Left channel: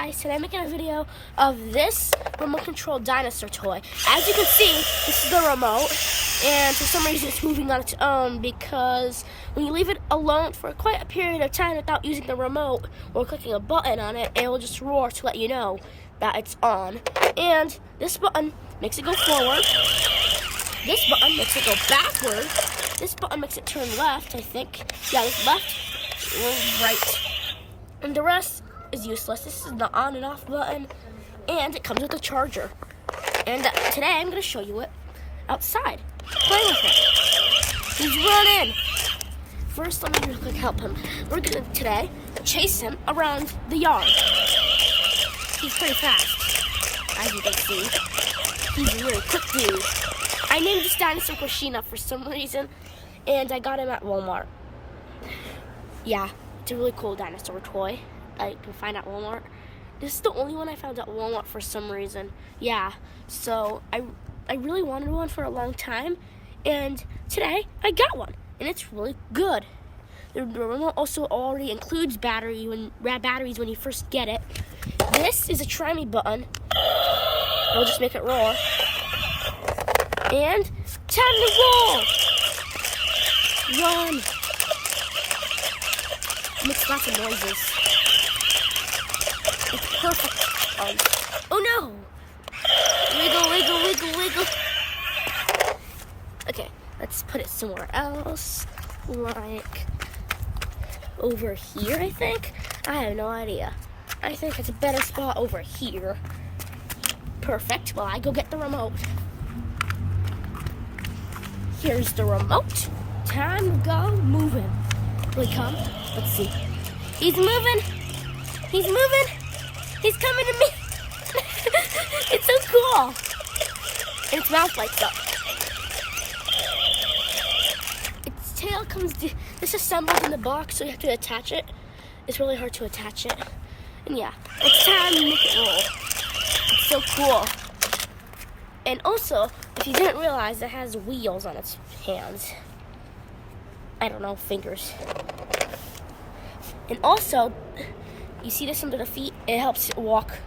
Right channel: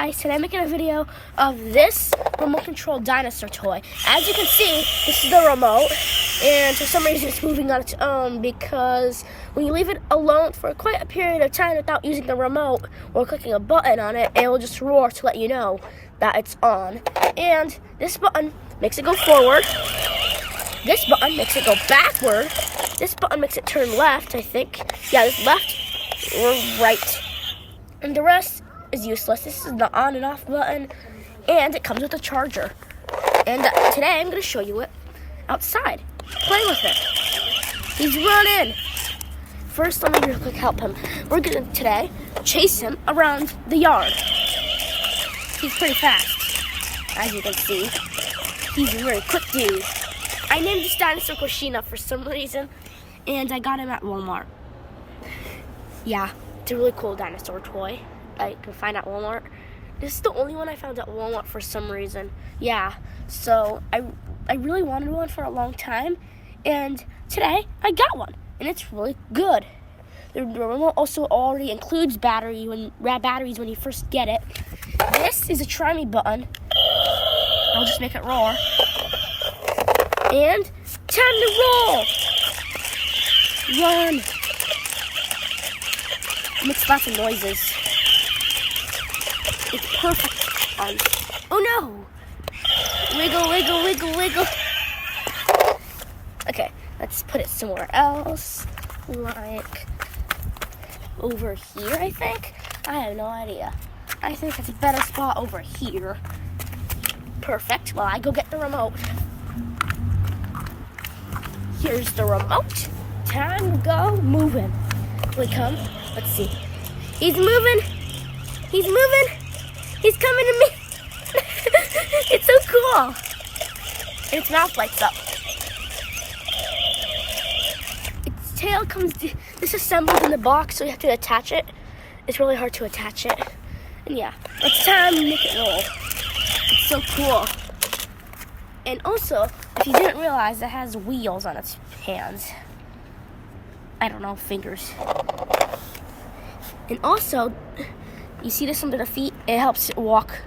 Guys, today I'm making a video of this remote control dinosaur toy. As you can see, this is the remote, and for some reason it's moving on its own because when you leave it alone for quite a period of time without using the remote or clicking a button on it, it will just roar to let you know that it's on. And this button makes it go forward. This button makes it go backward. This button makes it turn left, I think. Yeah, this left or right. And the rest is useless. This is the on and off button, and it comes with a charger. And today I'm going to show you it outside, playing with it. He's running. First, let me quick help him. We're going to today chase him around the yard. He's pretty fast, as you can see. He's a really quick dude. I named this dinosaur Koshina for some reason, and I got him at Walmart. Yeah, it's a really cool dinosaur toy. I can find at Walmart. This is the only one I found at Walmart for some reason. Yeah, so I really wanted one for a long time, and today I got one, and it's really good. The remote also already includes batteries when you first get it. This is a try me button. I'll just make it roar. And time to roll. Run. Makes lots of noises. It's perfect on. Oh no! Wiggle, wiggle, wiggle, wiggle. Okay, let's put it somewhere else. Like over here, I think. I have no idea. I think it's a better spot over here. Perfect. Well, I go get the remote. Here's the remote. Time to go moving. Will he come? Let's see. He's moving. He's moving. He's coming to me. It's so cool. And its mouth lights up. Its tail comes disassembled in the box, so you have to attach it. It's really hard to attach it. And yeah, it's time to make it roll. It's so cool. And also, if you didn't realize, it has wheels on its hands. I don't know, fingers. And also, you see this under the feet? It helps it walk.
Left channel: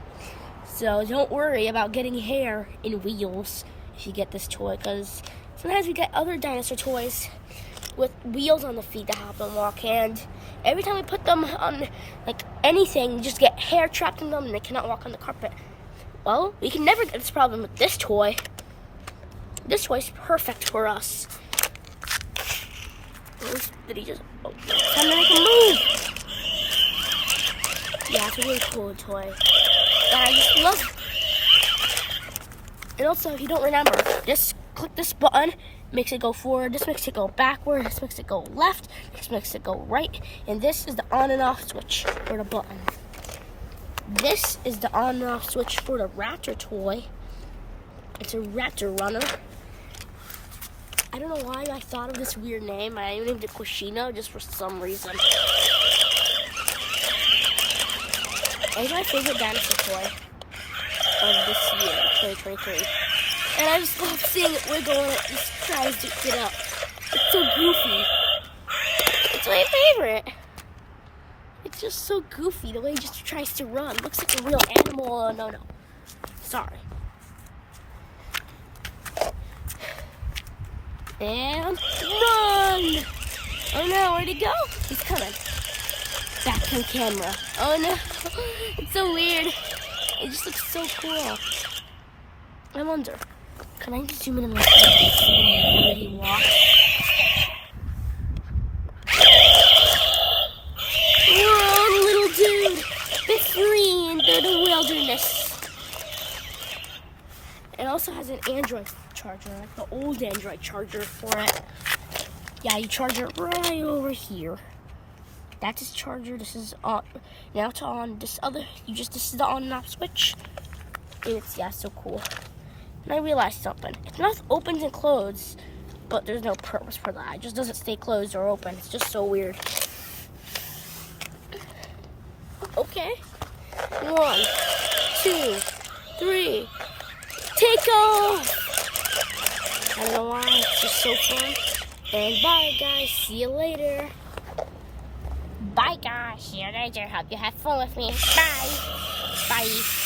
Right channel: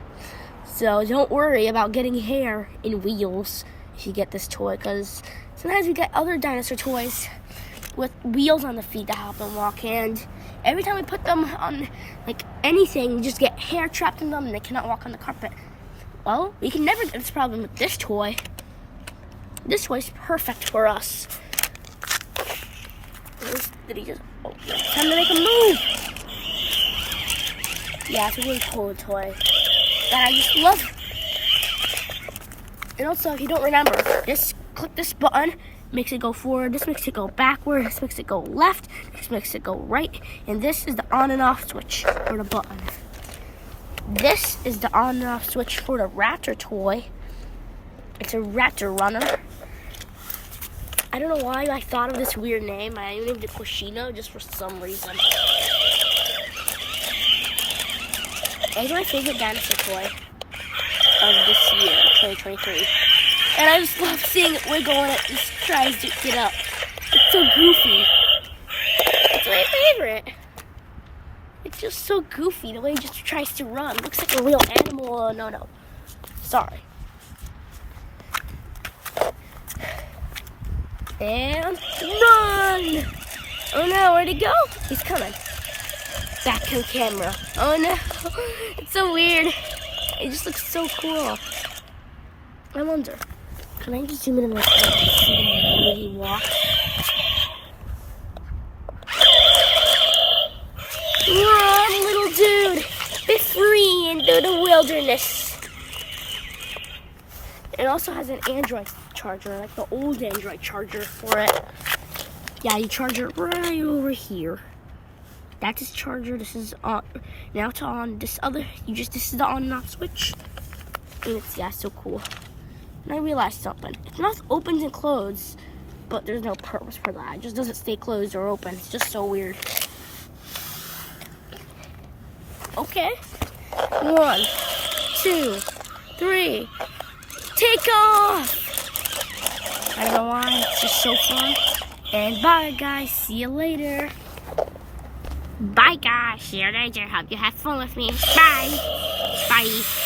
So don't worry about getting hair in wheels if you get this toy, because sometimes we get other dinosaur toys with wheels on the feet to help them walk, and every time we put them on like anything, you just get hair trapped in them and they cannot walk on the carpet. Well, we can never get this problem with this toy. This toy is perfect for us. Oh, did he just? Oh, time to make him move. Yeah, it's a really cool toy that I just love. And also, if you don't remember, just click this button, makes it go forward. This makes it go backward. This makes it go left. This makes it go right. And this is the on and off switch for the button. This is the on and off switch for the raptor toy. It's a raptor runner. I don't know why I thought of this weird name. I named it Koshina just for some reason. It's my favorite dinosaur toy of this year, 2023. And I just love seeing it wiggle when it just tries to get up. It's so goofy. It's my favorite. It's just so goofy the way he just tries to run. Looks like a real animal. Oh, no. Sorry. And run! Oh no, where'd he go? He's coming. Back on camera. Oh no, it's so weird. It just looks so cool. I wonder, can I zoom in on this and see the way he walks? Run, little dude. Be free into the wilderness. It also has an Android charger, like the old Android charger for it. Yeah, you charge it right over here. That's his charger. This is on. Now it's on. This is the on and off switch. And it's so cool. And I realized something. Its mouth opens and closes, but there's no purpose for that. It just doesn't stay closed or open. It's just so weird. Okay. 1, 2, 3. Take off! I don't know why, it's just so fun. And bye guys, see you later. Bye guys, see you later. Hope you have fun with me. Bye. Bye.